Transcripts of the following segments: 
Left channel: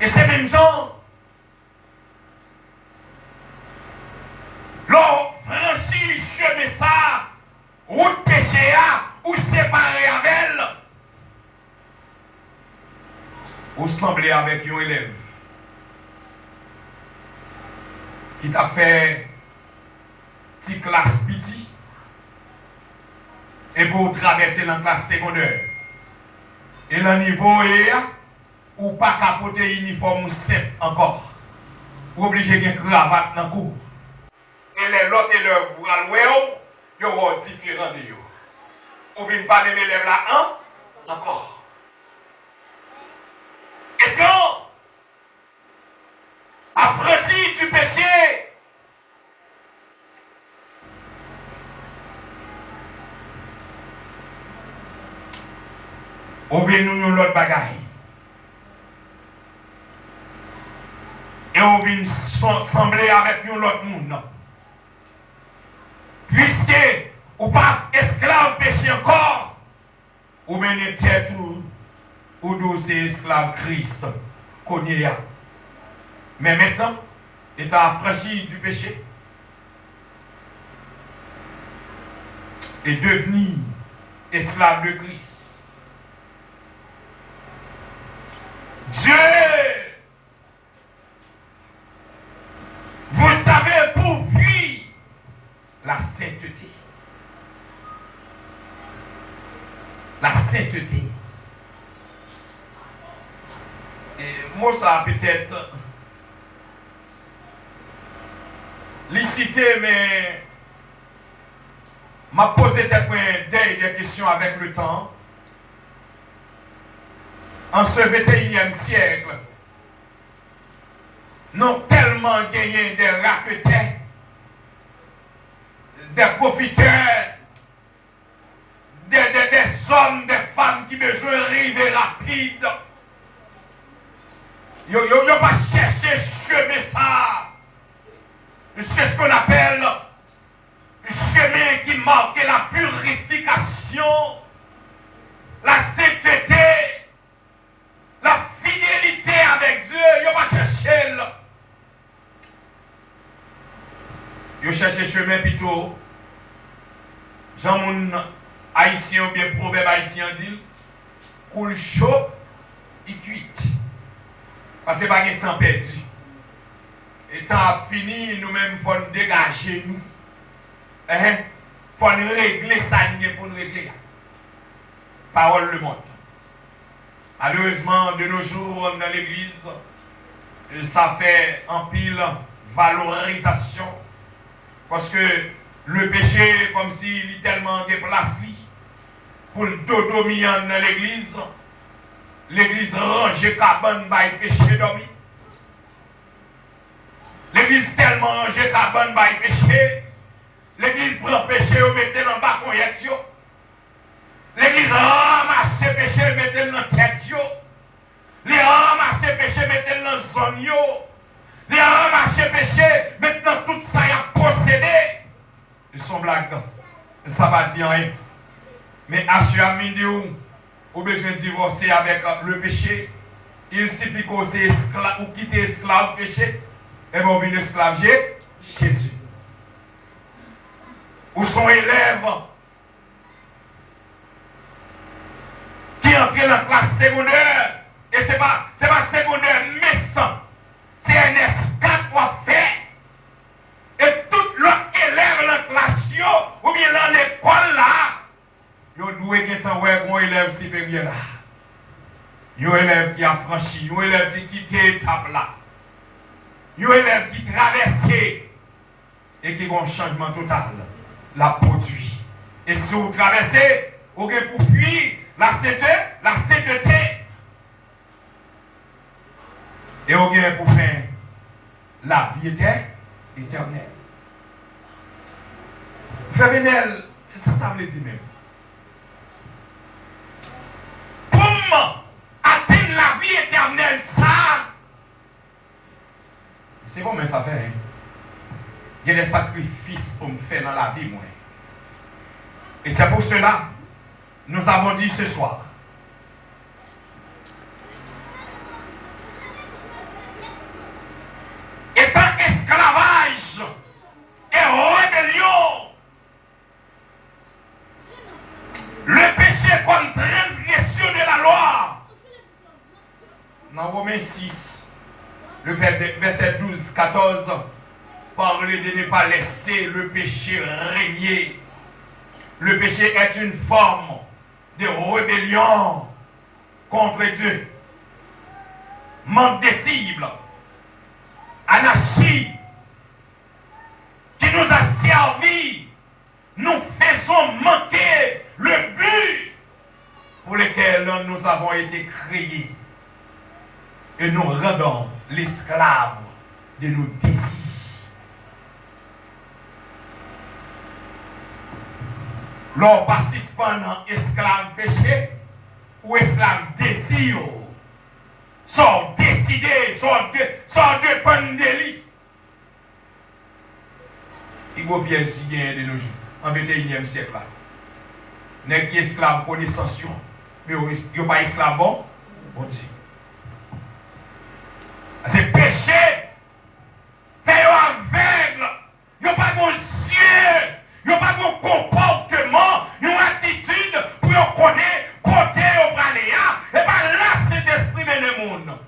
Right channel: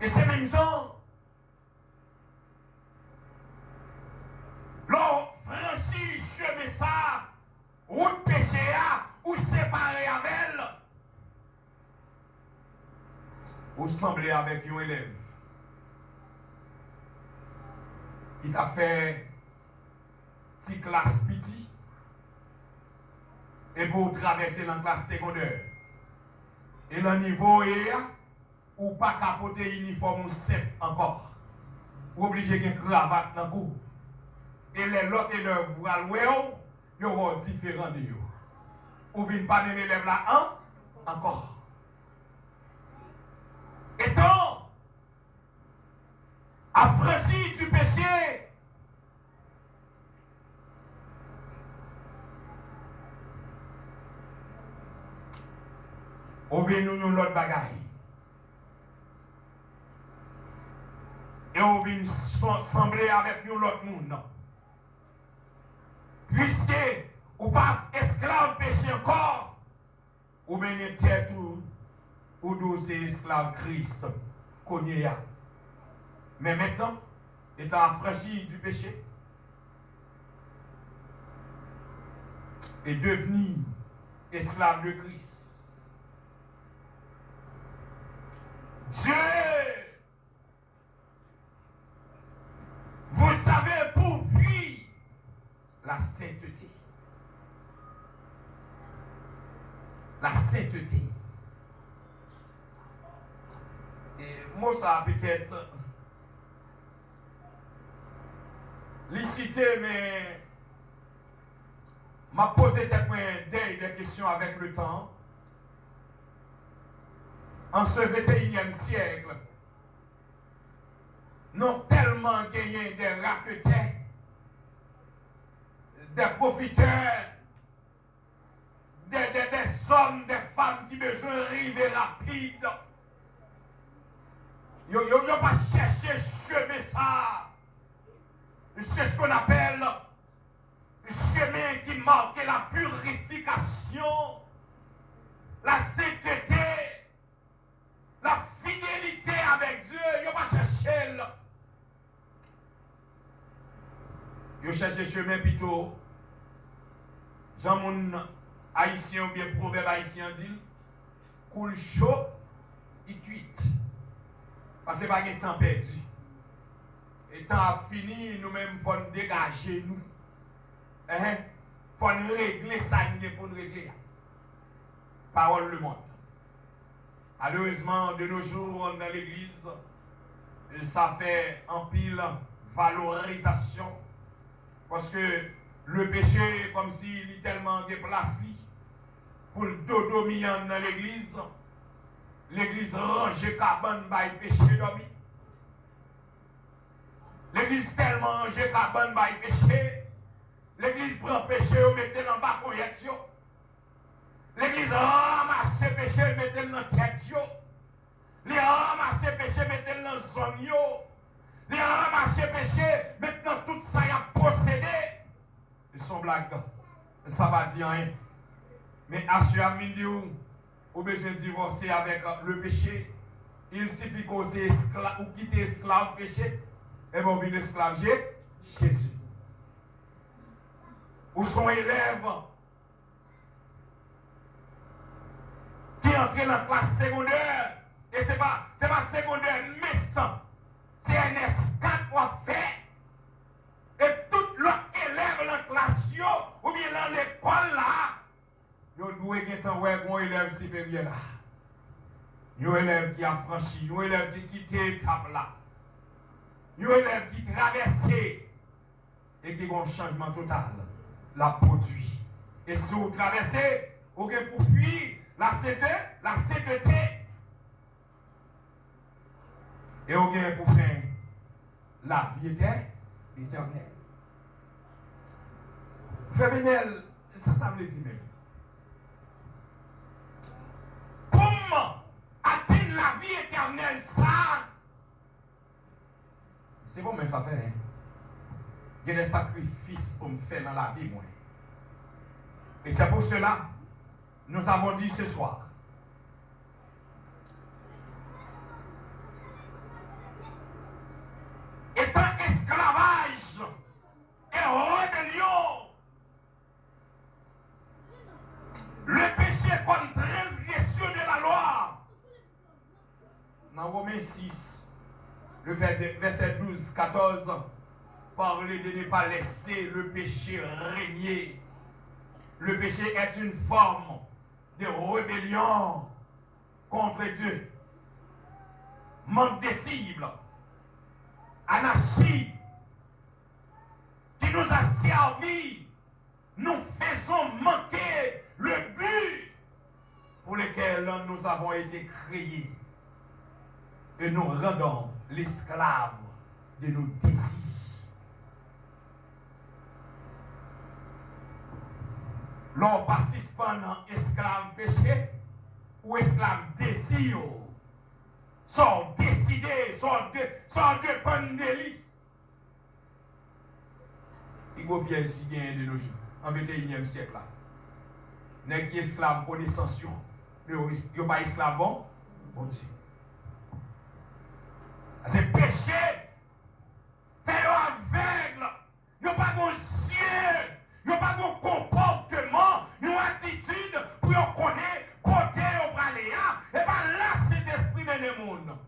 Et ces mêmes gens, l'on franchit chemin ça, route péché ou séparé avec elle, ou semblé avec un élève qui t'a fait petite classe petit et pour traverser la classe secondaire. Et le niveau est ou pas capoter uniforme simple encore. Ou obligé de cravate dans le cou. Et les autres élèves, vous allez ils sont différents de vous. Ou ne pas même élève là, encore. Et donc, affranchi du péché, on vient nous l'autre bagaille. Et on vient sembler avec nous l'autre monde. Puisque ou pas esclave péché encore, ou menez tête ou douze esclave Christ connaît. Mais maintenant, étant affranchi du péché et devenu esclave de Christ, Dieu, vous savez, pourvu la sainteté. La sainteté. Et moi, ça peut-être licité, mais m'a posé des questions avec le temps. En ce 21e siècle, nous avons tellement gagné des raqueteurs, des profiteurs, des hommes, des femmes qui besoin d'arriver rapide. Ils n'ont pas cherché chemin ça. C'est ce qu'on appelle le chemin qui marque la purification, la sainteté, la fidélité avec Dieu. Ils n'ont pas cherché. Ils ont cherché chemin plutôt. Jean mon haïtien ou bien proverbe haïtien dit, coule chaud et cuite. Parce que pas de temps perdu. Et temps fini, nous-mêmes, il faut nous dégager nous. Il faut nous régler ça pour nous régler. Parole le monde. Malheureusement, de nos jours, dans l'église, ça fait en pile valorisation. Parce que le péché, comme s'il est tellement déplacé, pour le dodo mian dans l'église range cabane by péché dormi. L'église tellement range cabane by péché, l'église prend péché ou mettez dans le bas conjection. L'église ramasse péché, mettez dans la tête. Les ramasse péché, mettez dans la zone. Les ramasse péché, maintenant tout ça y a possédé. Ils sont blagues. Ça va dire rien. Mais à ce moment où besoin de divorcer avec le péché, il suffit qu'on soit esclave ou quitter esclave péché, et bien on vient esclave Jésus. Ou son élève qui entre dans la classe secondaire, et ce n'est pas secondaire méchant, c'est un esclave qu'on fait. Et tout l'autre élève dans la classe, ou bien dans l'école là, yo doué qui est un élève supérieur là. Yo élève qui a franchi, yo élève qui quitte l'étape là. Yo élève qui traverse et qui a un changement total. La produit. Et si vous traversez, vous avez pour fuir la sainteté. Et vous avez pour faire la vie éternelle. Frère Benel, ça veut dire même. Pour atteindre la vie éternelle, ça, c'est bon, mais ça fait. Hein? Il y a des sacrifices pour me faire dans la vie, moi. Et c'est pour cela, nous avons dit ce soir, dans Romains 6, le verset 12, 14, parler de ne pas laisser le péché régner. Le péché est une forme de rébellion contre Dieu. Manque de cible, anarchie, qui nous a servi, nous faisons manquer le but pour lequel nous avons été créés. Et nous rendons l'esclave de nos désirs. L'on passe pendant esclave péché ou esclave désir. Sont décidés, sont dépendants de lui. Il y a piège qui gagne de nos jours, en 21e siècle. N'est qui esclave connaissance, mais il n'y a pas esclave bon Dieu. C'est péché, fait aveugle, il n'y a pas de yeux, il n'y a pas de comportement, une attitude pour connaître côté au braléa, et pas là cet esprit dans le monde.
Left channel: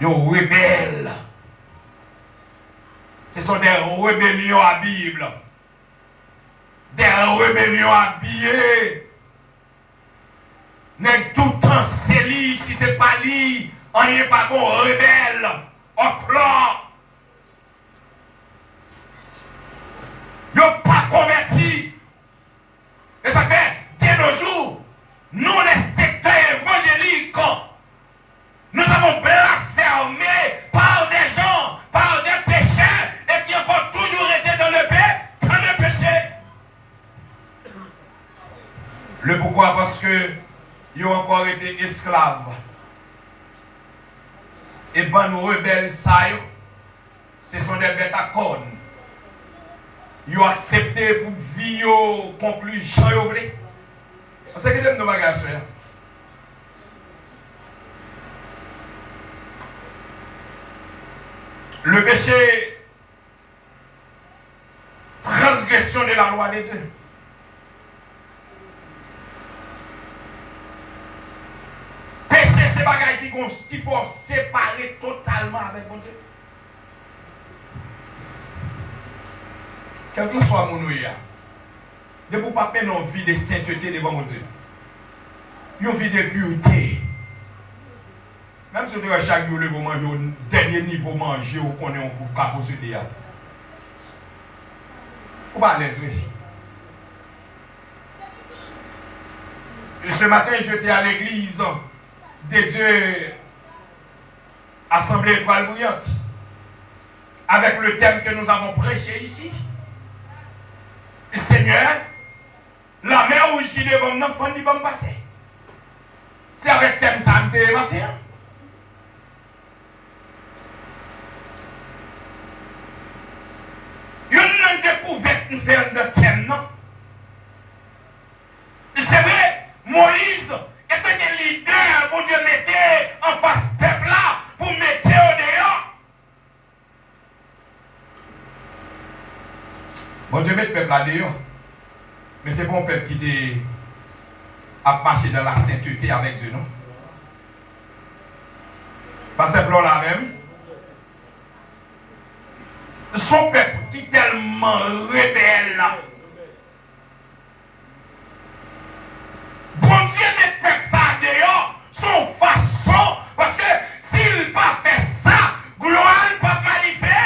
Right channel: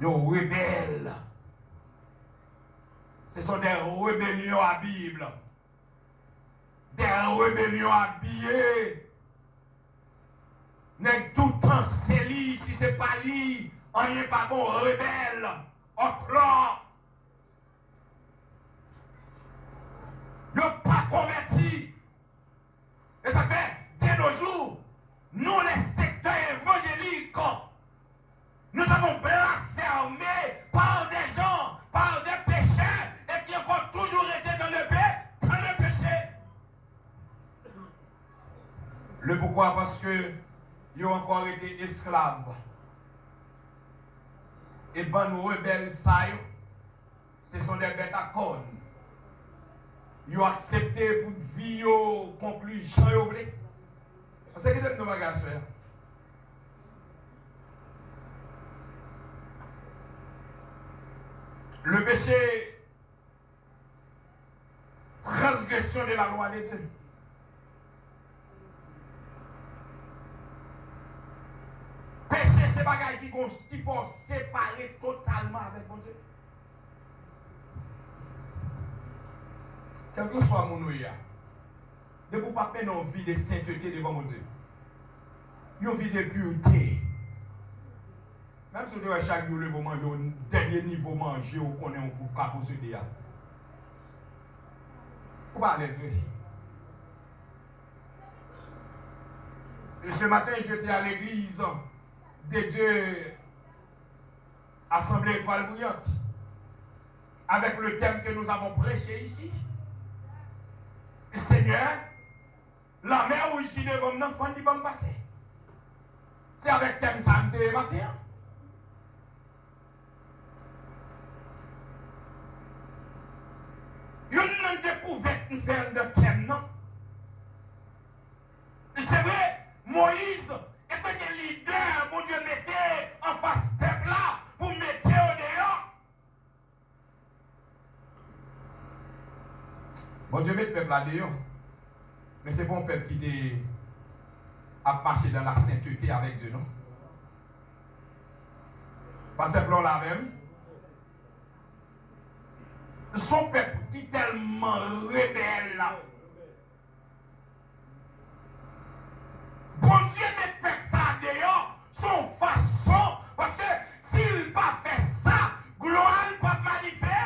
Ils sont rebelles. Ce sont des rébellions à Bible. Des rébellions habillées. Mais tout le temps, c'est lui, si ce n'est pas lui, on n'est pas bon rebelle, au clan. Ils n'ont pas converti. Et ça fait, dès nos jours, nous, les secteurs évangéliques, nous avons blasphémé par des gens, par des pécheurs, et qui ont toujours été dans le péché. Le pourquoi? Parce que ils ont encore été esclaves. Et ben nos rebelles, ça, ce sont des bêtes à cornes. Ils ont accepté pour vivre, conclure, chanter. C'est ce que nous avons fait. Le péché, transgression de la loi de Dieu. Péché, c'est des bagages qu'il faut séparer totalement avec mon Dieu. Quel que soit mon ouïe, ne vous pas faire une vie de sainteté devant mon Dieu. Une vie de pureté. Même si chaque jour, vous mangez au dernier niveau, manger, vous connaissez un coup de capot sur le vous pas à l'aise. Ce matin, j'étais à l'église de Dieu, Assemblée Étoile Brillante, avec le thème que nous avons prêché ici. Seigneur, la mer rouge qui devant nous, il faut passer. C'est avec le thème ça, le matin. Une découverte nous fait de thème, non? C'est vrai, Moïse était un leader pour Dieu mettait en face peuple là, pour mettre au dehors. Bon Dieu met le peuple là dehors. Mais c'est bon peuple qui a marché dans la sainteté avec Dieu, non? Parce que Flore là même. Son peuple qui est tellement rebelle. Bon Dieu met peuple ça dehors, son façon, parce que s'il n'a pas fait ça, gloire ne peut pas manifester.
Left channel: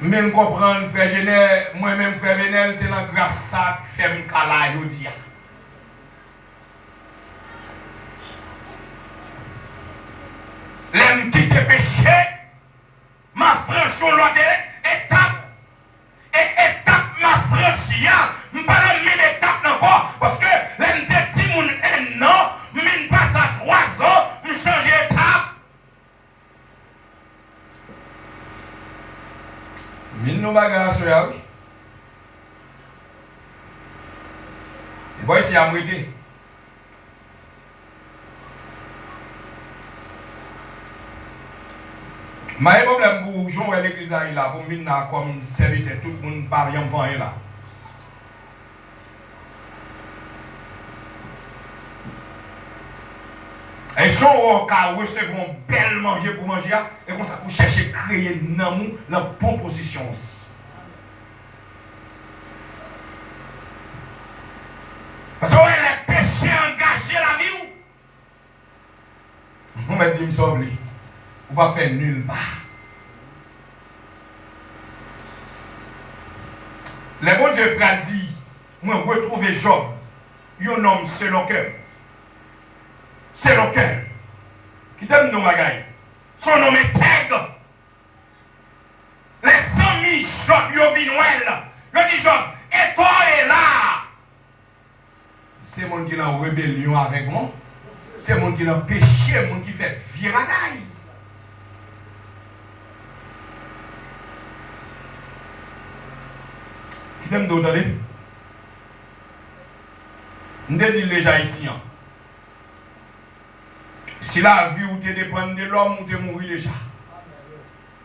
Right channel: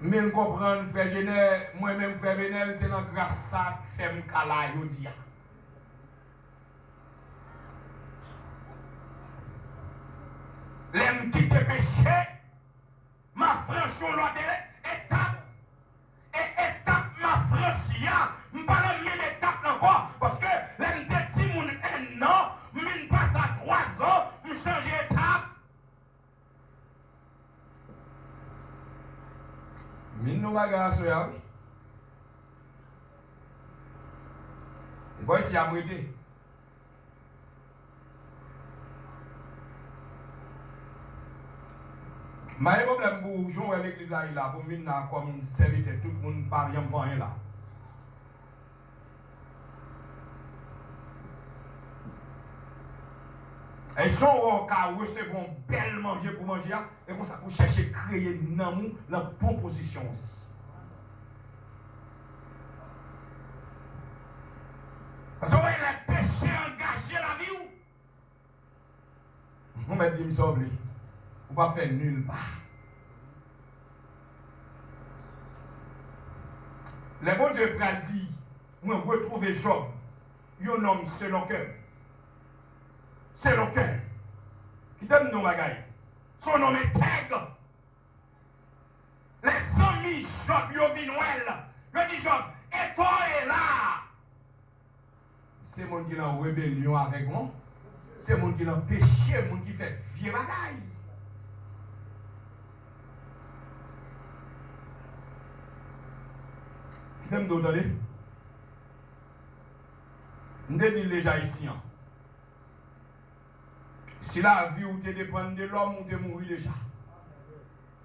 Même comprendre, frère Genel, moi-même, frère Benel, c'est la grâce ça qui fait mon calage aujourd'hui. L'aime qui te péché, ma franchise l'autre étape, et étape ma franchise, je ne pas dans la même étape encore, parce que l'aime te dit mon un an, je passe à 3 ans, je change d'étape. Mais nous bagarres sur la oui. Et bon, ici à moitié. Mais le problème pour jouer à l'église là, pour venir comme serviteur, tout le monde parle en vent là. Et gens qui recevront bel manger pour manger, et comme ça, pour chercher à créer dans nous la bonne position aussi. Parce que les péchés engagés la vie, on va dire, on ne va pas faire nulle part. Le bon Dieu a dit, moi, retrouver Job, un homme selon cœur. Selon cœur. Qui t'aime nous, bagaille. Son nom est intègre. Les amis Job, ils viennent Noël. Je dis Job, et toi est là. C'est mon qui est en rébellion avec moi. C'est mon qui est en péché, mon qui fait vieux bagaille. Qui t'aime nous, attendez? Je dis déjà ici. Si la vie ou te dépend de l'homme, ou te mourir déjà.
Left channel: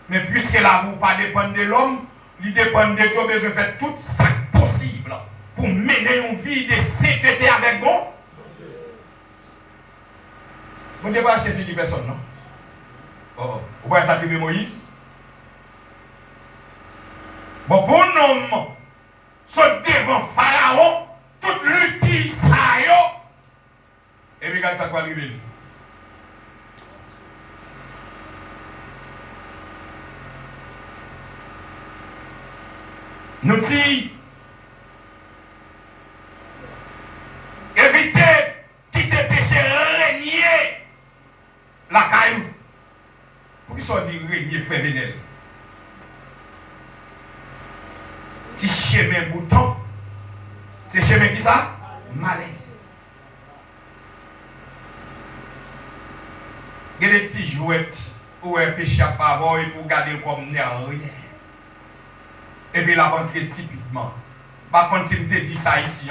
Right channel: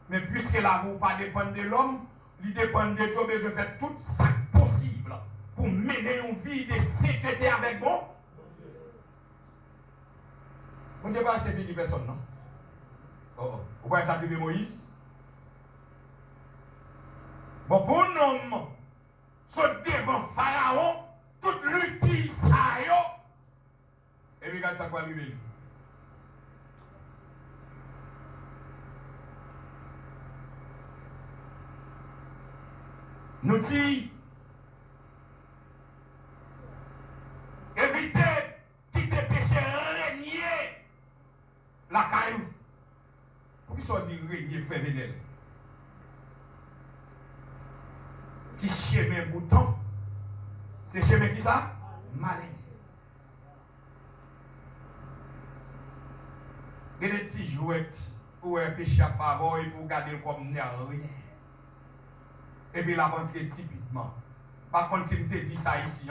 Mais puisque la vie pas dépend de l'homme, il dépend de Dieu, besoin de faire tout ça possible pour mener une vie de sainteté avec vous. Vous ne pouvez pas acheter fille de personne, non? Oh. Vous pouvez sacrifier Moïse? Bon, pour un homme, se devant Pharaon, toute l'outil ça yo. Et puis, regarde ça quoi arriver. Nous disons, évitez quitter péché, régner la caillou. Pour qu'ils soient dit régner, frère Vénel. Petit chemin bouton, c'est chemin qui ça? Malin. Il y a des petits jouettes où un péché à faveur et pour garder comme rien. Et puis la rentrée typiquement. Par contre, si je te dis ça ici,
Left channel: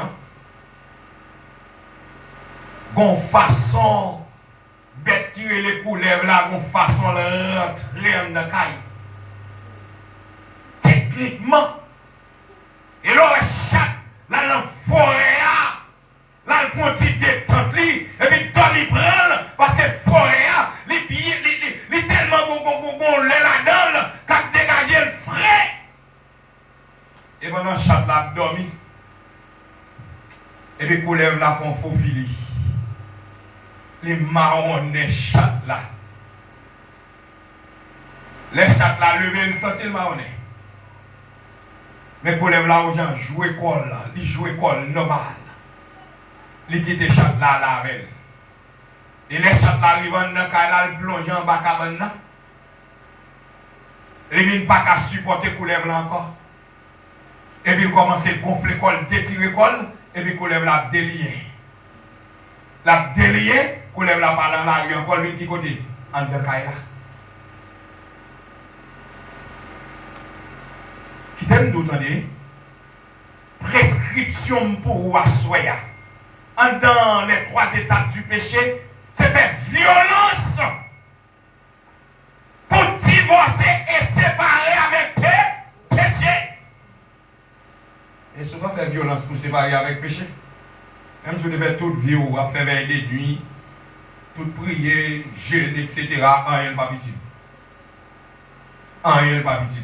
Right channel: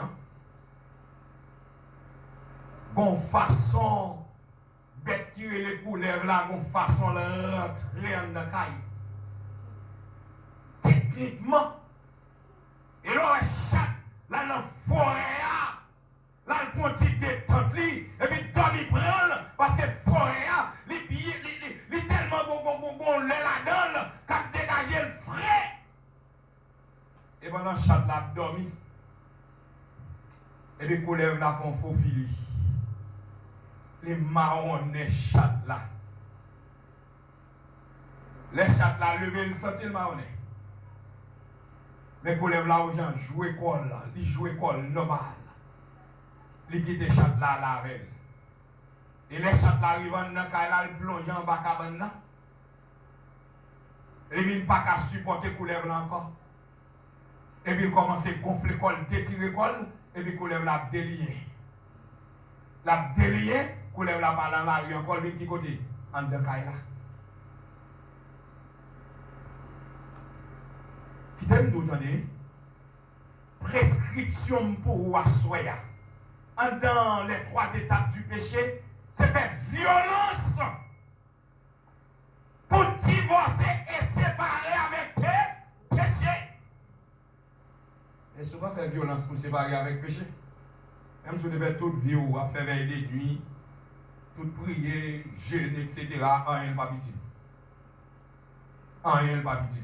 gon façon bête qui les couleurs là, gon façon de rentrer en la caille. Techniquement, et là, chaque là dans la forêt, là, le continue de tente et puis Tommy prend parce que forêt, les tellement bon là-dedans, quand dégager le frais. Et pendant chat là dormi. Et puis coulève là font faux fili. Les marronnets chat là. Les chats là levé le senti le marronnet. Mais coulève là aux gens jouer école là, ils jouent école normal. Ils quittent chat là la avec. Et les chats là arrivent dans le cas là, ils plongent en bas cabane là. Ils ne viennent pas qu'à supporter coulève là encore. Et puis il commence à gonfler col, détirer col, et puis il la délier. La délier, il la par dans la rue, encore lui qui côté, en de Kaila. Qui t'aime d'entendre? Prescription pour Wassoya. Dans les 3 étapes du péché, c'est faire violence pour divorcer et séparer avec péché. Et souvent faire violence pour séparer avec péché. Même si vous devez toute vie ou à faire veiller des nuits, toute prier, jeûner, etc. En rien pas petit. En rien pas petit.